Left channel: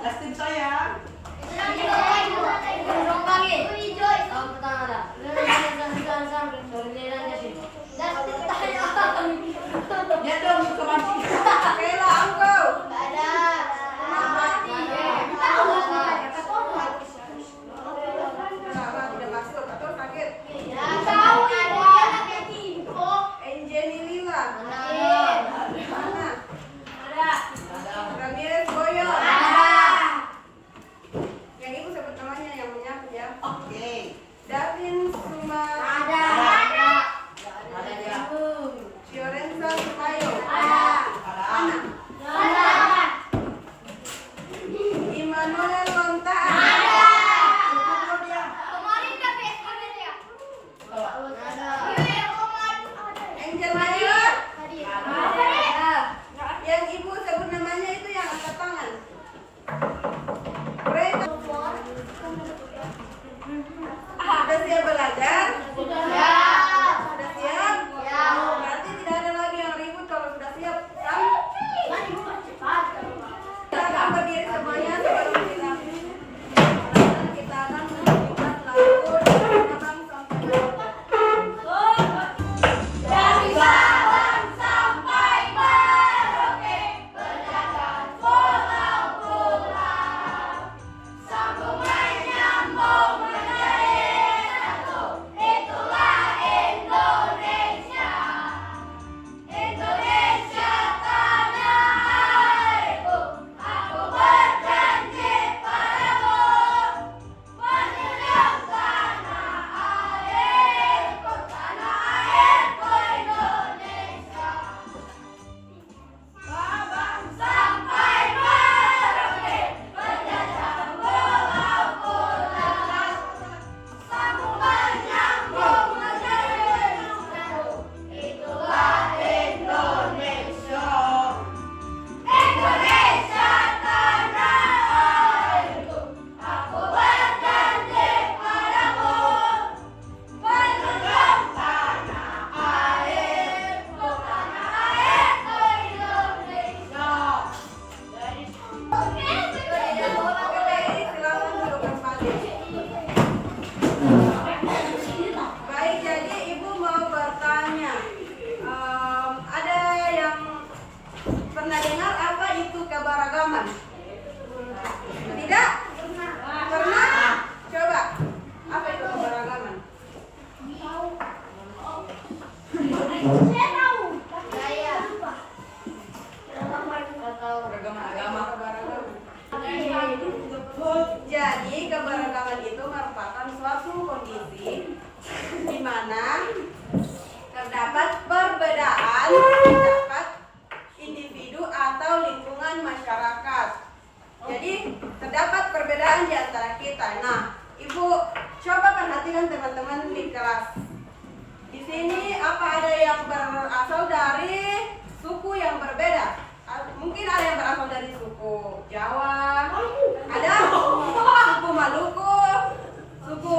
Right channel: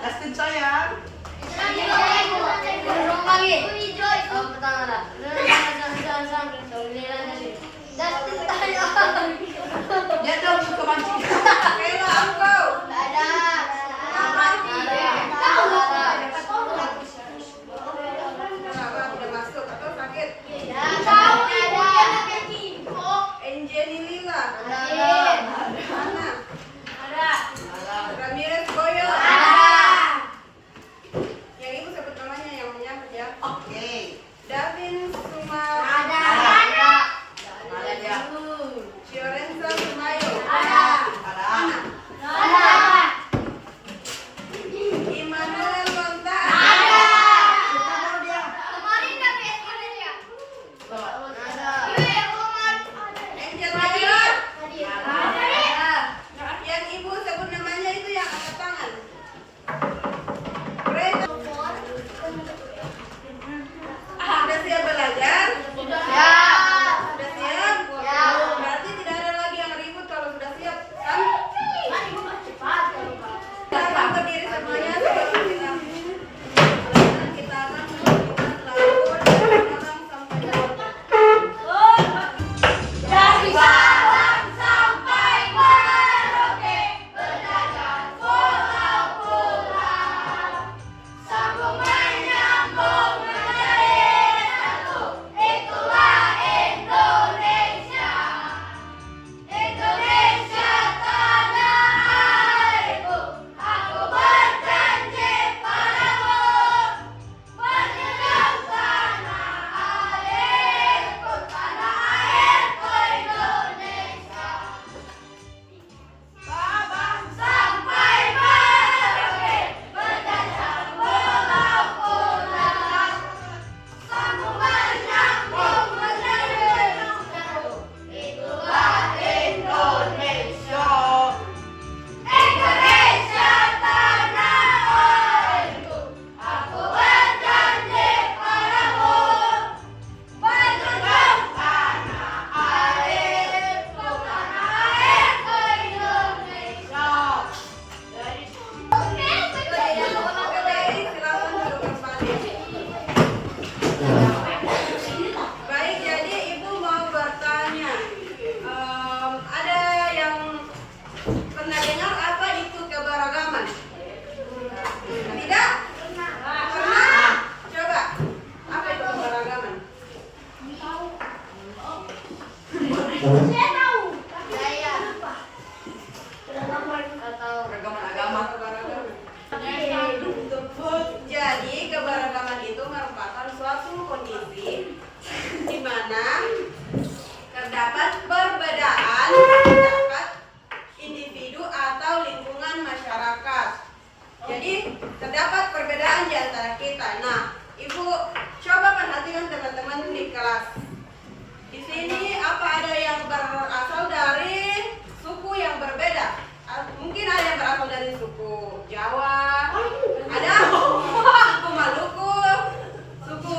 Dustin sayang. Dia dong ke mancing. Kayla angkau. Kenapa tidak masuk atau sakit? Angelina Lila. Ana. Ramirez Boyo. Yang ibu sebut namanya yang menyambut ya. Oke. Davin Suma. Fiorenza Mayo. Ana. Immanuel Lonta. Angel Mayo. Yang ibu sebut namanya itu yang angkat tangan. Brenda. Sudah siap belajar? Sudah siap? Berarti tidak ada lagi yang ribut kalau sudah siap, kan? Kita akan berdiri semuanya sebelum kita akan membuat lagu dari Sabang sampai Merauke. Dari Sabang sampai Merauke, berjalan pulau-pulau, sambung menyambung menjadi satu. Itulah Indonesia, Indonesia tanah airku. Aku berjanji padamu, menjunjung tanah airku, Indonesia. Sabang sampai Merauke, berjajah pulau-pulau, sambung menyambung menjadi satu. Itulah Indonesia, Indonesia tanah airku. Aku berjanji padamu, menjunjung tanah airku, Indonesia. KPI silakan duduk kembali. Baik, jadi ibu mau bertanya. Ada yang pernah dengar apa itu keberagaman? Tidak? Pernah? Coba. Apa itu keberagaman? Saya tahu, tapi saya lupa. Keragaman agama. Jadi keberagaman itu merupakan suatu kondisi di mana terdapat perbedaan terdapat individu atau lingkungan masyarakat. Jadi terdapat perbedaan di antara kita. Nah, ibu coba perhatikan teman-teman di kelas. Di sini apa ada yang berasal dari suku yang berbeda? Mungkin ada yang berasal dari suku Jawa, ada suku Maluku, suku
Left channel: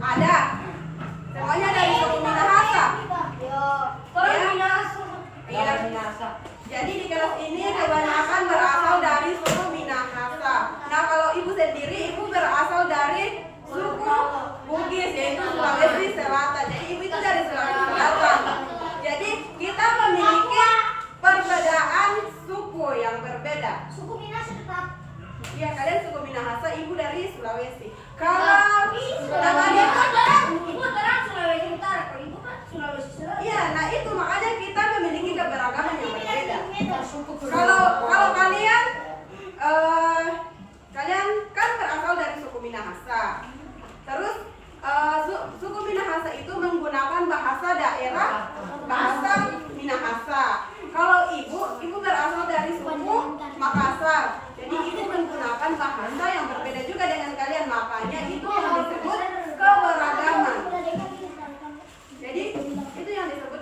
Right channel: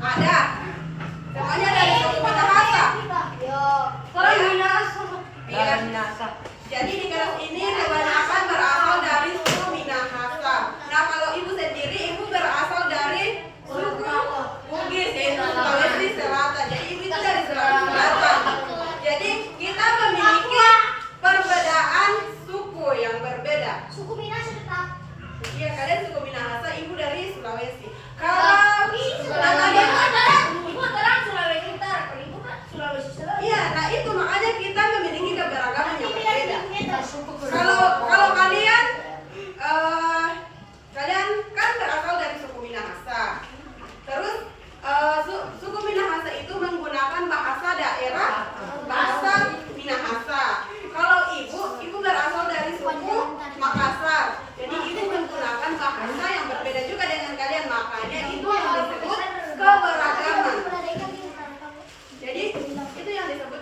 ada. Semuanya dari suku Minahasa. Iya. Jadi di kelas ini kebanyakan berasal dari suku Minahasa. Nah, kalau ibu sendiri, ibu berasal dari suku Bugis, yaitu Sulawesi Selatan. Jadi ibu itu dari Sulawesi Selatan. Jadi kita memiliki perbedaan suku yang berbeda. Suku Minahasa tetap. Iya, kalian suku Minahasa, ibu dari Sulawesi. Kalau namanya Ibu terang Sulawesi Utara, kalau ibu kan Sulawesi Selatan. iya, nah itu makanya kita memiliki keberagaman yang berbeda. Kalau kalian kalian kan berasal dari suku Minahasa. Terus suku Minahasa itu menggunakan bahasa daerah, bahasa Minahasa. Kalau ibu berasal dari suku Makassar. Jadi ibu menggunakan bahasa yang berbeda juga dengan kalian. Makanya itu yang disebut keberagaman. Jadi itu yang disebut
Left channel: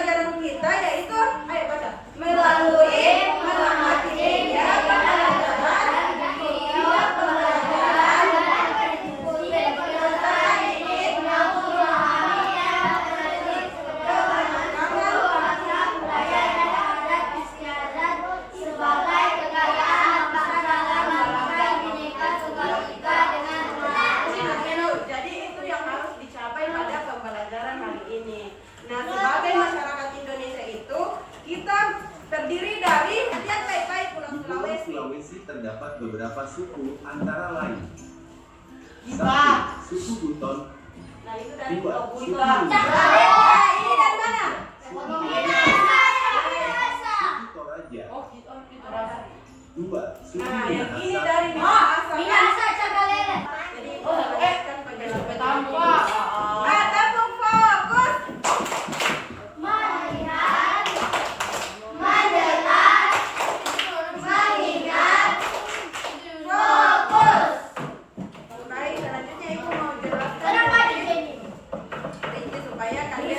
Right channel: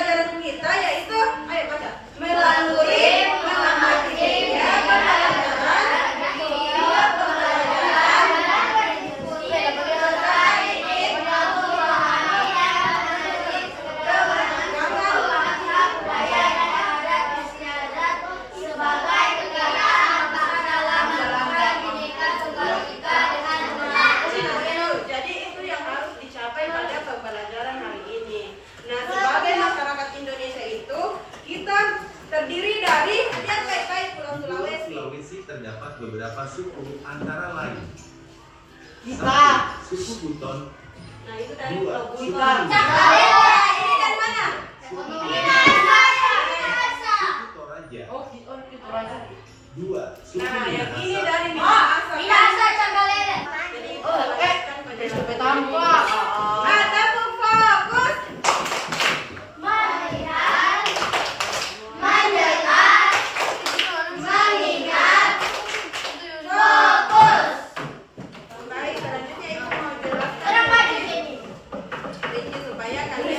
pembelajaran kita yaitu, ayo baca, melalui mengamati media pembelajaran jadi itu yang harus dicapai pada pembelajaran hari ini. Nah, sebagai masyarakat Indonesia itu kita terdiri dari lihat baik-baik Pulau Di Pulau Sulawesi. Sulawesi terdapat beberapa suku antara lain. Bisa. 1. Suku Buton. Nah, itu dari 2. Pulau Suku Buton. Lingga. Ini dari mana? Suku Toraja. 2. Suku Nah, yang ini Minahasa. dari Minahasa. Minahasa Cangkalele. Jadi itu kan pelajaran tepuk fokus. Melihat, mendengar, mengingat, fokus. Baik, selanjutnya Ibu mau jelaskan Sekarang maju, Jenny. supaya kalian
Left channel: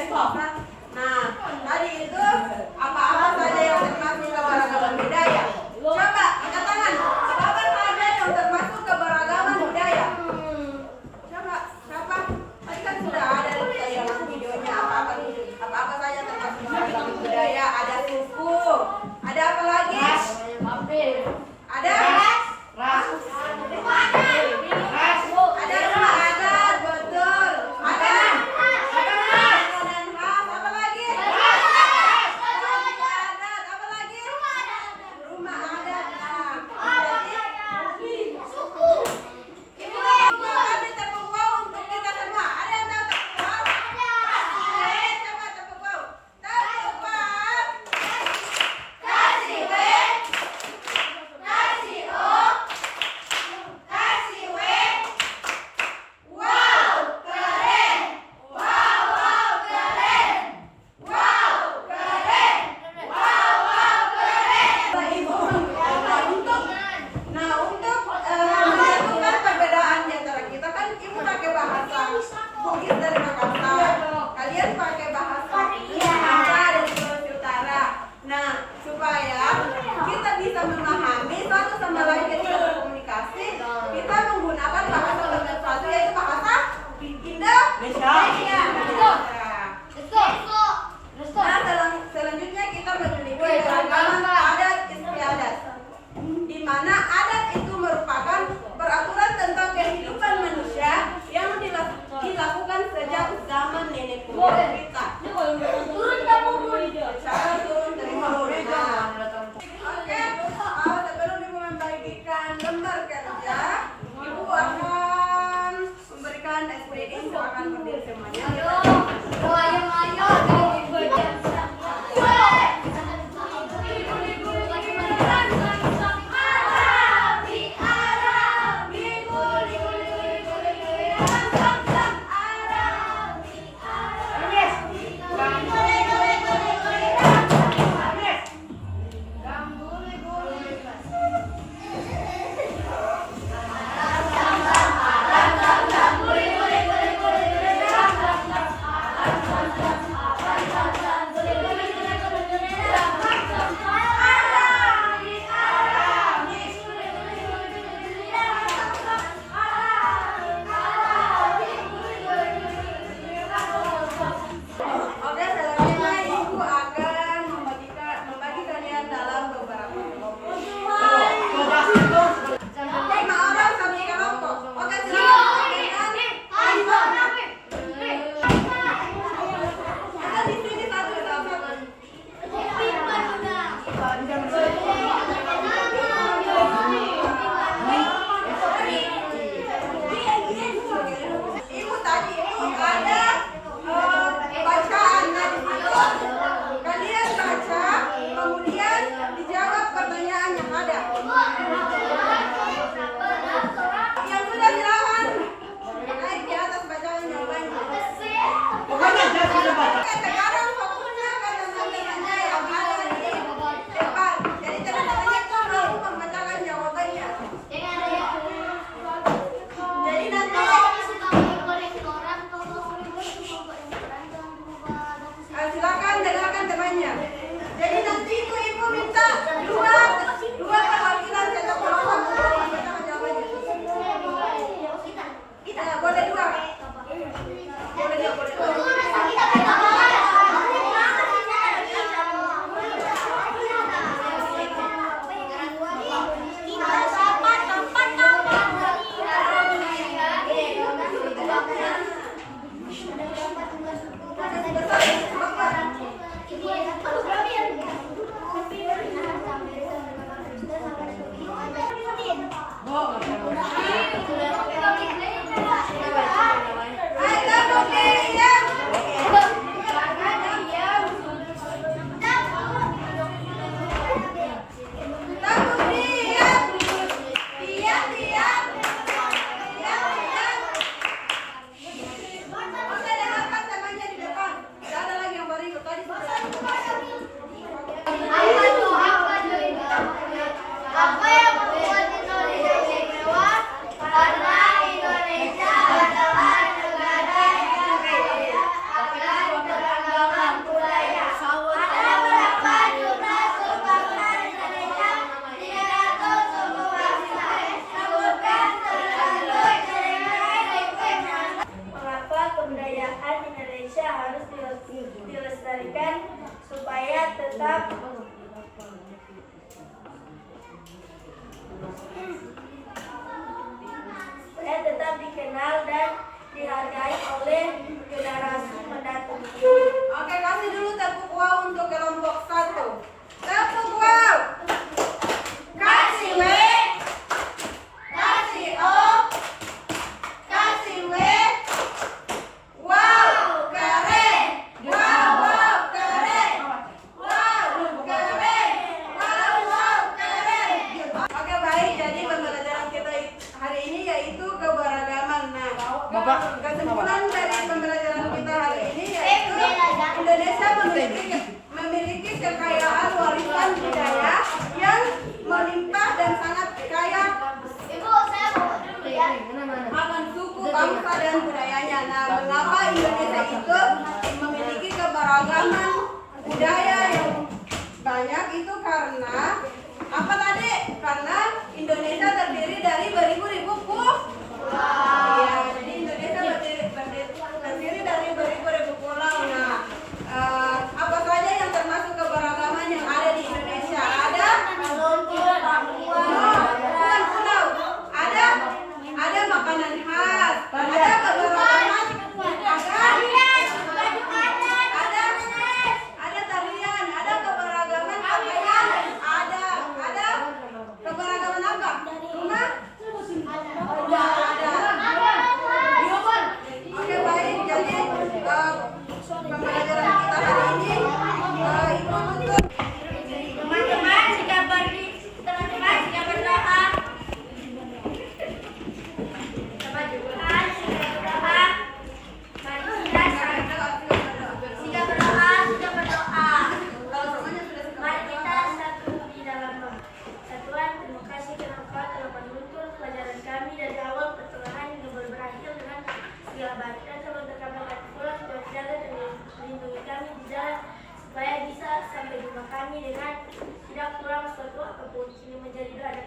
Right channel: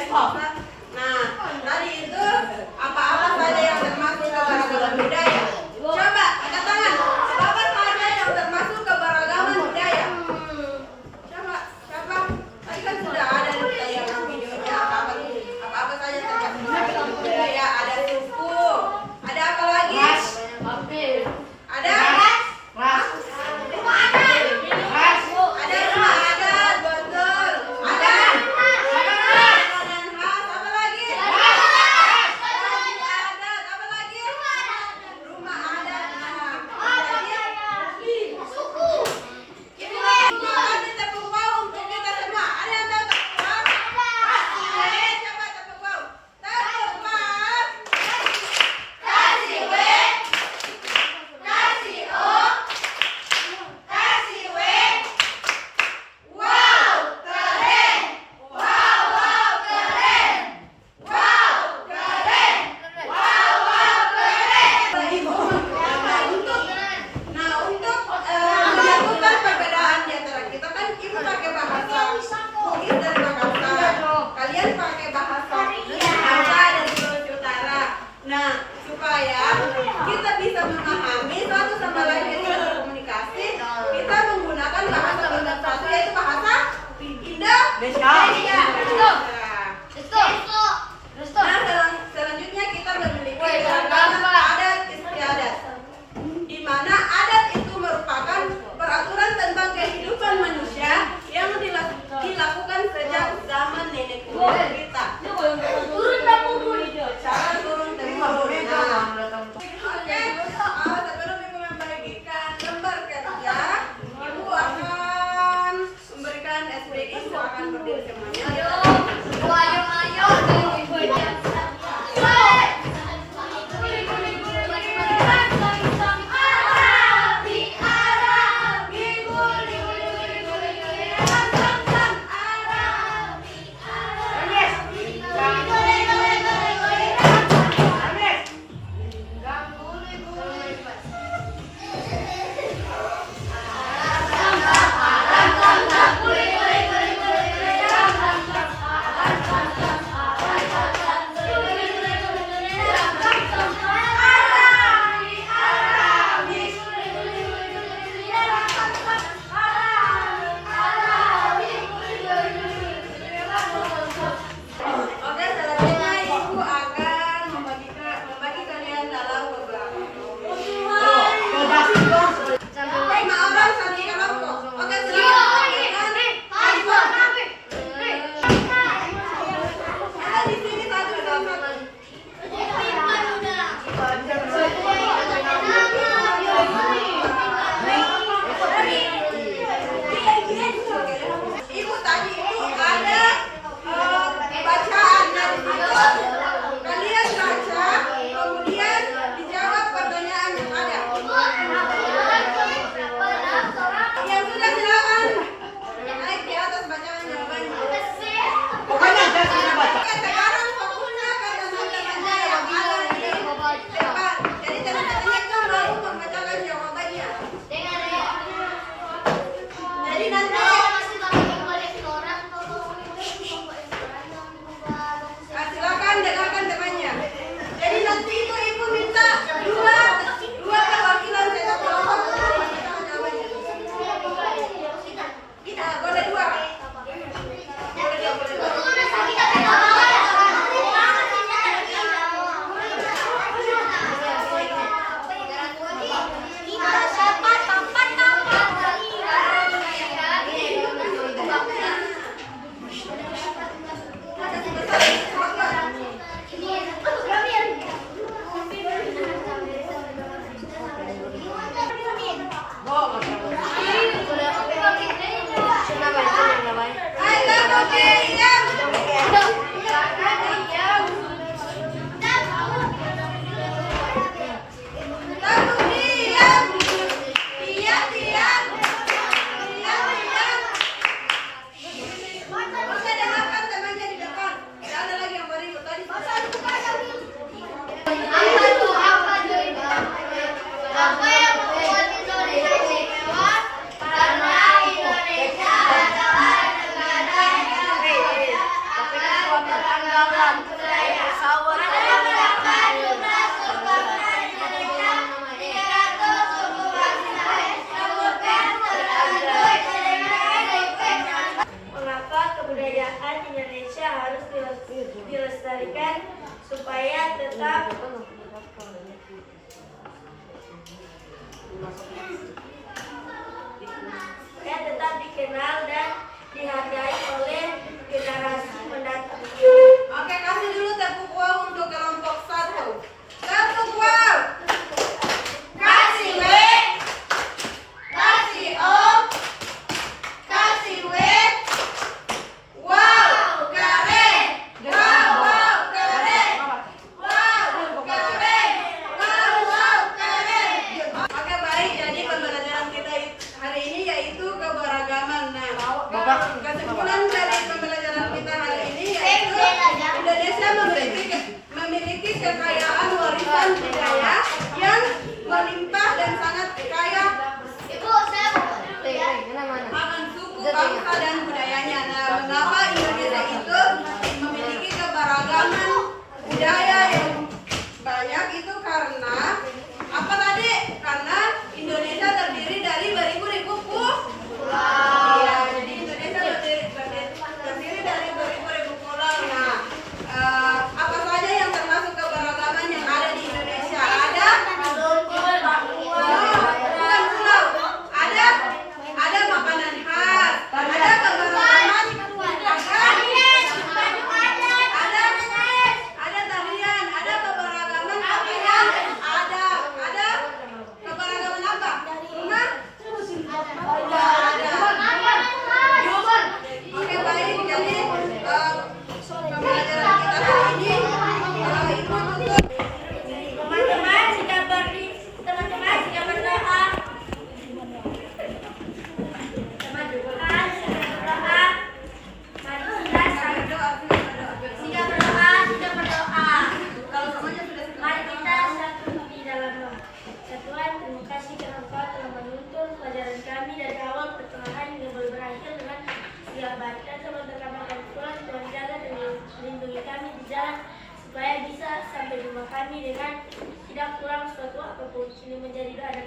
tetap dikenal dan dihargai oleh generasi mendatang. Oke, kasih dulu tepuk wow untuk kelompok 1. Tepuk wow. Kasih W. Kasih O. Kasih W. Wow, keren. Wow, wow, keren. Wow, keren. Wow, wow, keren. Oke, baik. Jadi pembelajaran kita hari ini yaitu keberagaman. Nah, kesimpulan dari pembelajaran kita hari ini yaitu Indonesia memiliki kekayaan warisan budaya yang melimpah dan sangat kaya akan suku, bangsa, dan budayanya. Nah, mengapa Indonesia itu memiliki keberagaman budaya yang banyak itu karena apa tadi? Karena Indonesia terdiri dari beribu-ribu pulau. Iya, jadi Indonesia terdiri dari beribu-ribu pulau. Nah, apa saja yang termasuk keberagaman yang ada di Indonesia? Ada bukan pulau. Ada makanan khas. Ada keberagaman. Ada tarian. Ada keberagaman pakaian. Ada keberagaman apa? Rumah? Ada. Oke, baik. Jadi pembelajaran kita hari ini itu Teman-teman jika berdoa, mari kita satu di dalam doa. Tuhan, terima kasih karena Engkau telah menuntun pelajaran kami dari awal pertengahan hingga berakhir dengan segala baik dan teman-teman kami pulang. Tuhan jaga dan lindungi kami di jalan supaya bisa sampai jumpa kami dengan tidak kurang suatu apapun. Ini menjadi doa dan